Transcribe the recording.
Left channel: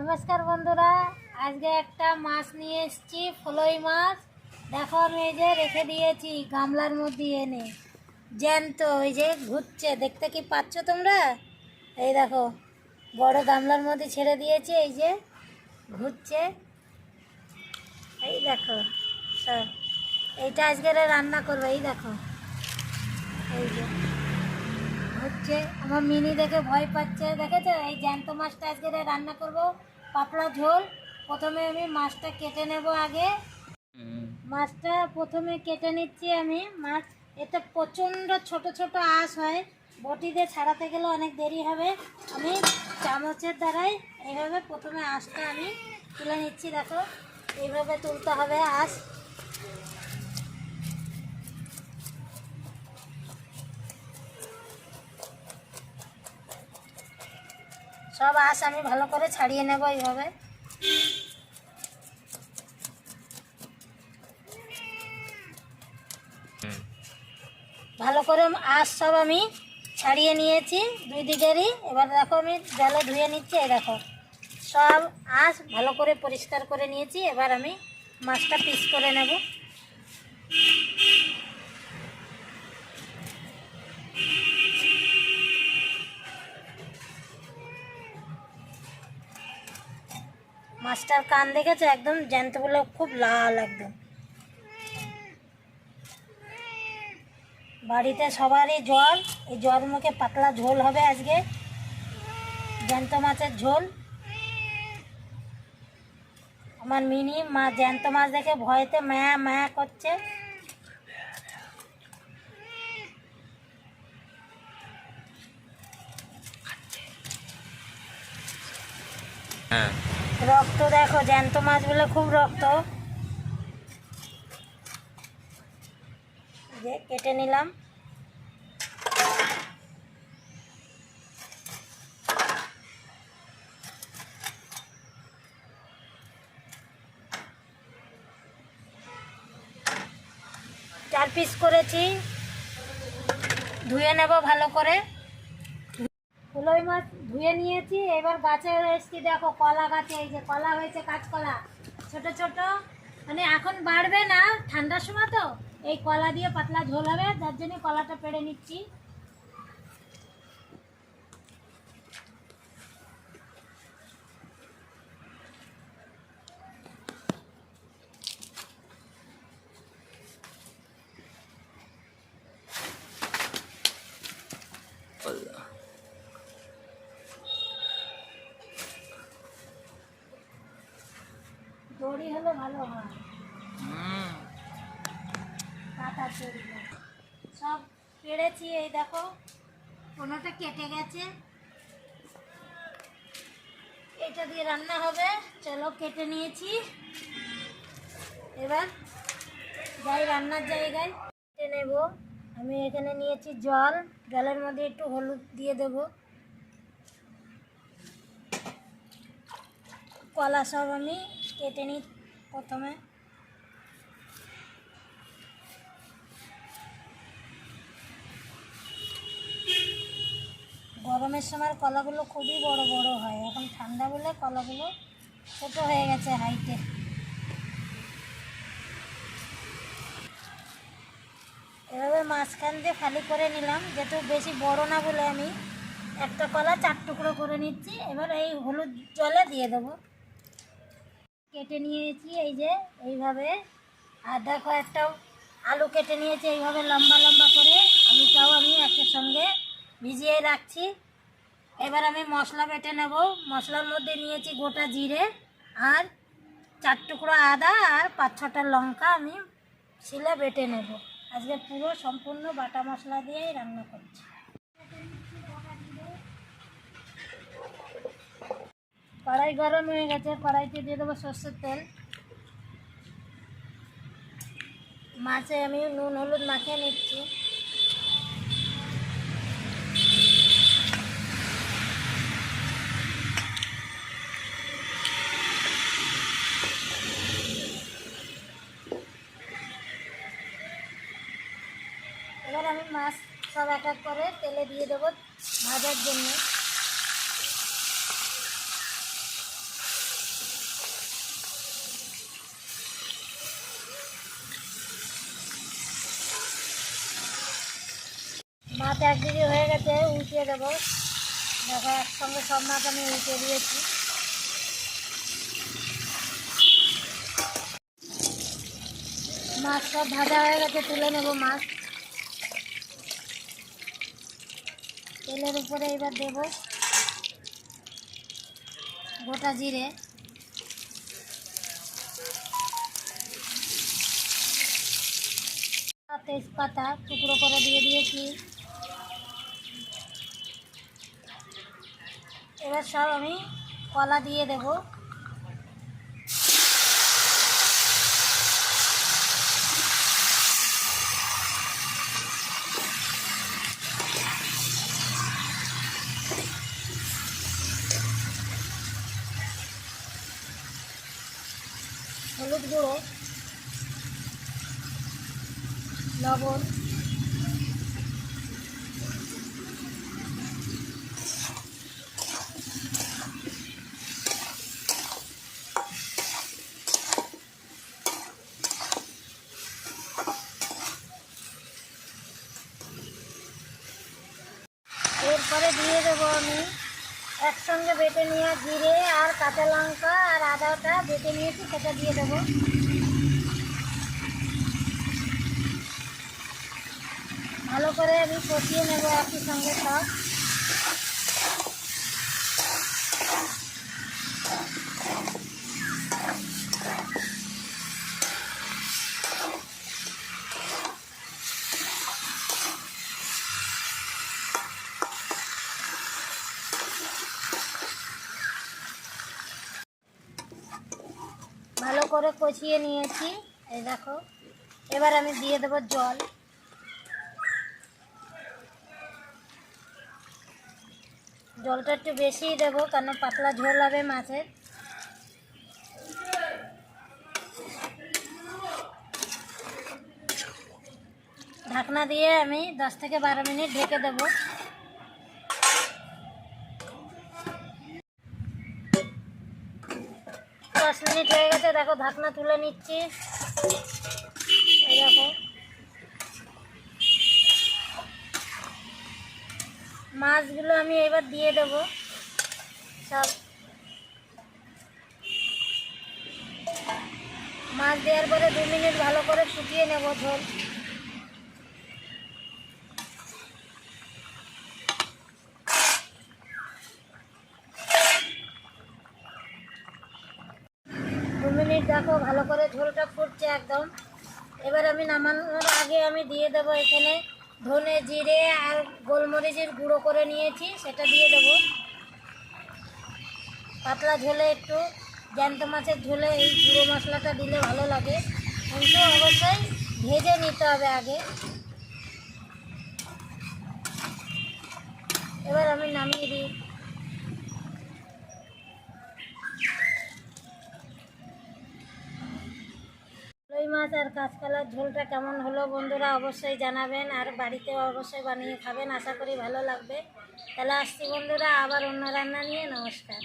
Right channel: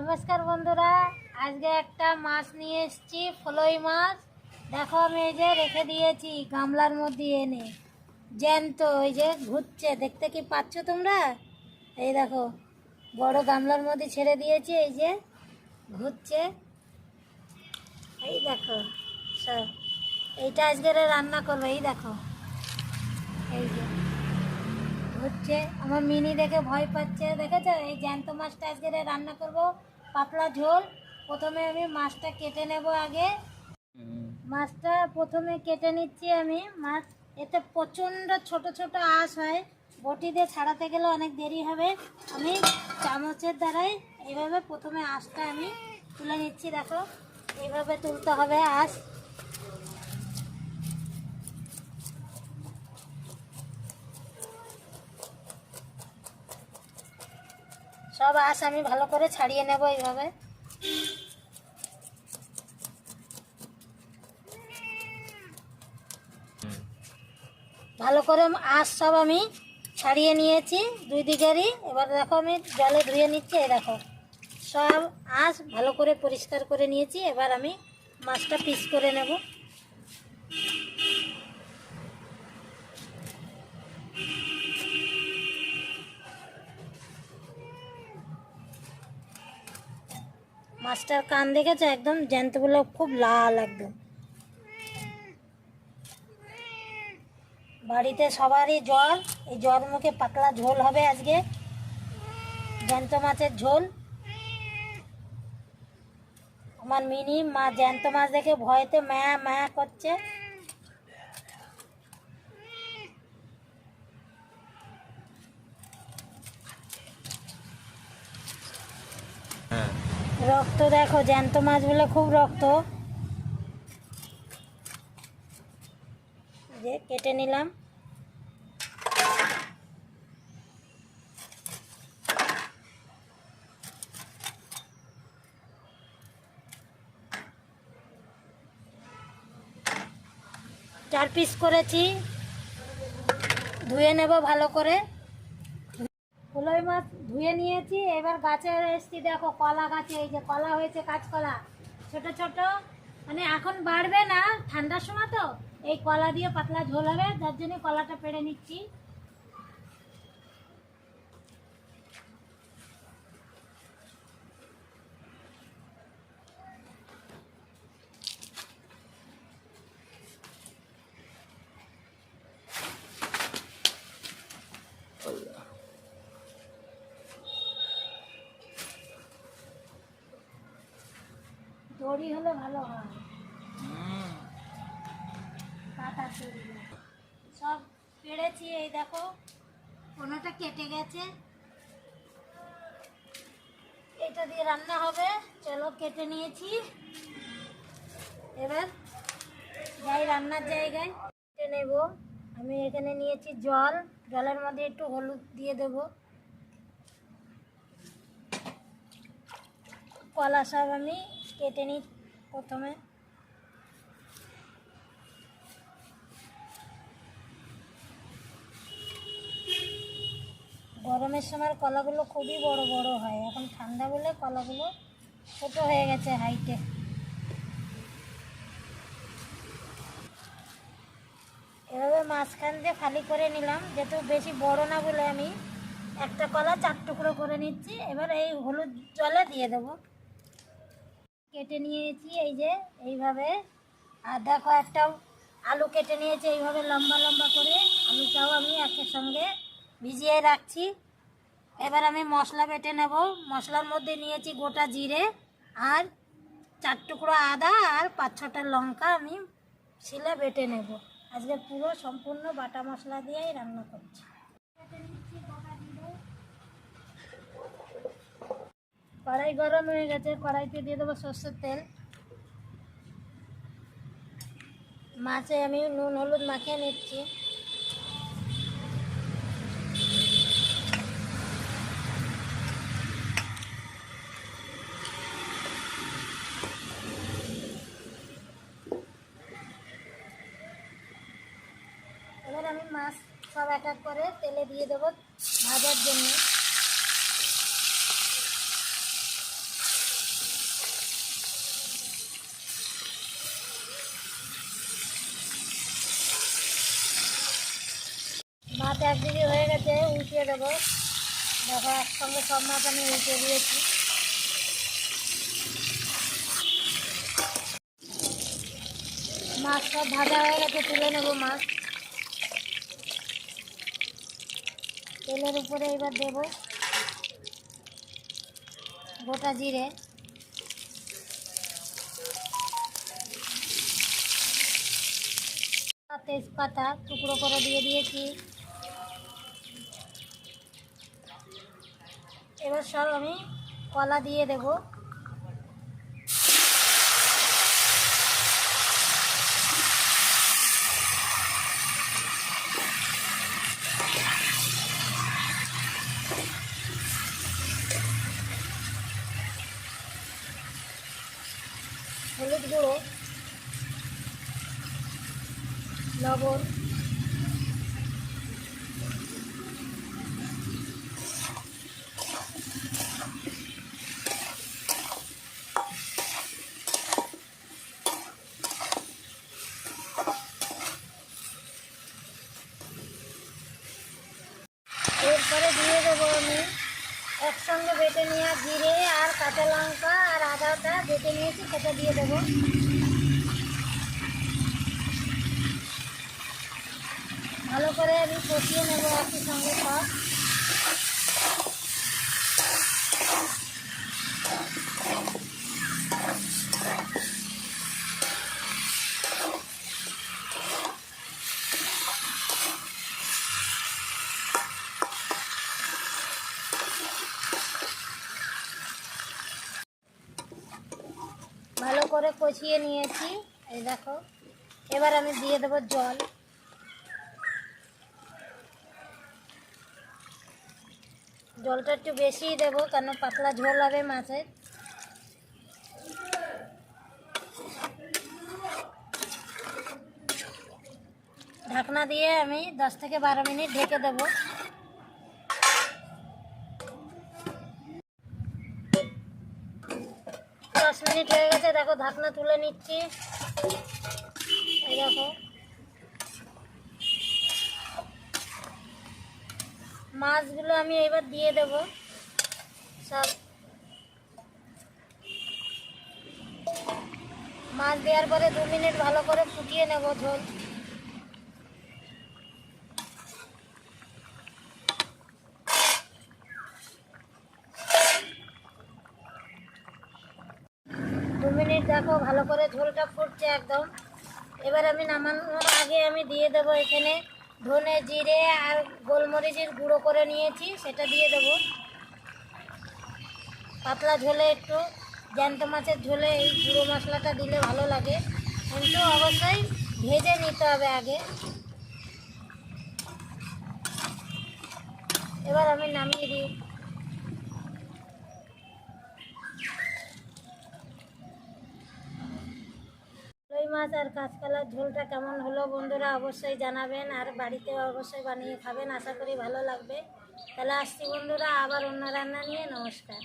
নমস্কার বন্ধুরা, আজকে একটা মাছ নিয়ে এসেছি, ফলই মাছ। দেখো আমি এই যে রেখে দিয়েছি গামলার মধ্যে এনে। জ্যান্ত ওই যে ঘুরছে, দেখতে কি পাচ্ছ তোমরা? এই দেখো, বড় গামলার মধ্যে ছেড়ে দিয়েছি, এই যে ঘুরছে। এই দেখো, সব, এইটা আজকে রান্না করবে, এই দেখো। এই যে হচ্ছে আমার মিনি দেখে ভয় পাচ্ছে, দেখেছ? এই জ্যান্ত মাছটা আজকে রান্না করব। পাতলা ঝোল। প্রথমে আমি মাছটা কেটে নেব আগে। মাছটা প্রথমে কেটে নিচ্ছি আমি। মাছ এতে প্রচণ্ড ছোট ছোট আঁশ হয়। বটি দিয়ে ছাড়াতে গেলে অনেক দেরি হবে। আমি চামচের দ্বারাই এইভাবে প্রথমে আঁশটা আমি তুলে নিচ্ছি দেখো। এইভাবে তুলতে হবে আঁশ। সব আঁশ আমি ভালো করে ছাড়িয়ে নেব এইভাবে। ভালো করে আঁশ সব আমি ছাড়িয়ে নিয়েছি দুই দিকেরই। এবার দেখো আমি জলে ধুয়ে নিচ্ছি, এই দেখো। সব আঁশ ভালো করে পরিষ্কার করে নিয়েছি, এবার আমি মাছটা পিস করে নেব। মাছটার কান দেখেছ? একদম জ্যান্ত বলে খুব লাল একদম। বাড়িতে সবারই জল এই জ্বর মুখে পাতলা ঝোল হবে আজকে। জ্যান্ত মাছের ঝোল। আমার মিনি, মা জ্যান্ত মাছ দেখে ভয়েতে মায়া মায়া করছে। হ্যাঁ। রক্ত দেখো, জ্যান্ত মাছগুলো খুব রক্ত। যে কেটে নিলাম। চার পিস করেছি। ধুয়ে নেব ভালো করে। ফুলই মাছ ধুয়ে নিয়েছি। এবার গাছে এসছি, দেখো কলা গাছে, এই যে কলা হয়েছে কাঁচকলা। ছোট ছোট। মানে এখন বাড়বে না, ঠান্ডার সময় তো। এই কলা দিয়ে পাতলা ঝোল হবে, যার জন্য কলাটা পেড়ে নিচ্ছি। দড়ি হলে ভালো হয়। কাঁথা চড়ি সব পেড়েছি এই দেখো কোনোটা কেটে গেছে। এটা দিয়ে রান্না হবে চলো কেটে নিয়েছি। এবার যাই রান্নার জায়গায় কেটে নেব। আমি এখানে নিয়েছি জল জলের মধ্যে একটু হলুদ দিয়ে দেব। কলা সব আমি কেটে নিই প্রথমে। গরমের সময় কলাগুলো খুবই বড় বড় হয়। এখন ঠান্ডা বলে কলাগুলো ছোট হয়ে গেছে হাইটে এভাবে মাঝখান দিয়ে খালি করে নিলাম। যেহেতু বেশি বড় না বলে আমি একটা কলা চার টুকরো করে নিচ্ছি। এবার এই হলুদ জলে দিয়ে দেবো। কেটে নিয়েছি, এই যে, এইভাবে। আর দেখো একটা আলু কেটে নিয়েছি, এইভাবে লম্বা লম্বা করে। আলুটাও আমি একের সঙ্গে ভিজিয়ে রাখছি। এবার আমি মশলা বেটে নেব। মশলার মধ্যে নিয়েছি গোটা জিরে আর চার টুকরো আদা আর পাঁচ ছটা লঙ্কা আমি শিলা বেটে নেব। আজকে পুরো সম্পূর্ণ বাটা মশলা দিয়েই রান্না করছি। কড়াই গরম হয়ে গেছে, কড়াইতে দিয়ে দেবো সর্ষের তেল। মাছে আমি নুন, হলুদ মাখিয়ে নিচ্ছি। এবার আমি মাছ সব এক এক করে তেলে দিয়ে দেবো ভাজার জন্য। মাছ এক দিকে হয়ে গেছে উল্টিয়ে দেবো। দেখো, একসঙ্গে সব মাছ আমি উল্টে দিয়েছি। মাছ সব ভাজা হয়ে গেছে, তুলে নেব মাছ। তেলের উপরে এবার দেব গোটা জিরে। তেজপাতা টুকরো করে দিয়ে দিয়েছি। এবার সব আমি কলা দিয়ে দেব। হলুদ গুঁড়ো লবণ এরপরে দিয়ে দেবো আমি একসঙ্গে বেটে নিয়ে জিরে আর কাঁচা লঙ্কা আর আদাটা বেটে নিয়েছি, সেটা দিয়ে দেবো। ভালো করে আমি কষিয়ে নেব একই সঙ্গে সব ভালো করে কষিয়ে নিয়েছি। এই দেখো, এবার আমি দিয়ে দেবো জল। জলটা একটু বেশিই দেবো, কেন পাতলা ঝোল হবে মাছের ঢাকনা দিয়ে আমি দশ থেকে বারো মিনিট ঢেকে দেবো। মিনিট হয়ে গেছে, দেখো ঢাকনা তুলে নিচ্ছি। দেখো। মাছগুলো আমি এবার দিয়ে দেব। সব মাছ দেওয়ার পরে দু মিনিট ভালো করে শুকিয়ে নেব ঝোল দু মিনিট দেখো, ভালো করে ঝোলটা ফুটছে একদম। এবার আমি নামানোর আগে আমি দিয়ে দেবো এখানে ধনে জিরে আর গোলমরিচের গুঁড়ো করে নিয়েছি, সেটা দিয়ে দেবো। পাতলা ঝোলে একটু, জ্যান্ত মাছের ঝোলে এই গুঁড়ো মশলাটা দিলে ভালো লাগে। কিন্তু অবশ্যই ভেজে নিতে হবে আগে। এবার আমি নামিয়ে দিই। মাছ আর কাঁচকলার ঝোলটা কেমন হলো বন্ধুরা অবশ্যই জানাবেন আর বাড়িতে অবশ্যই বানিয়ে খাবেন। আশা করি ভালো লাগবে। তাহলে আসছি বন্ধুরা, আবার অন্য রান্না নিয়ে। নমস্কার।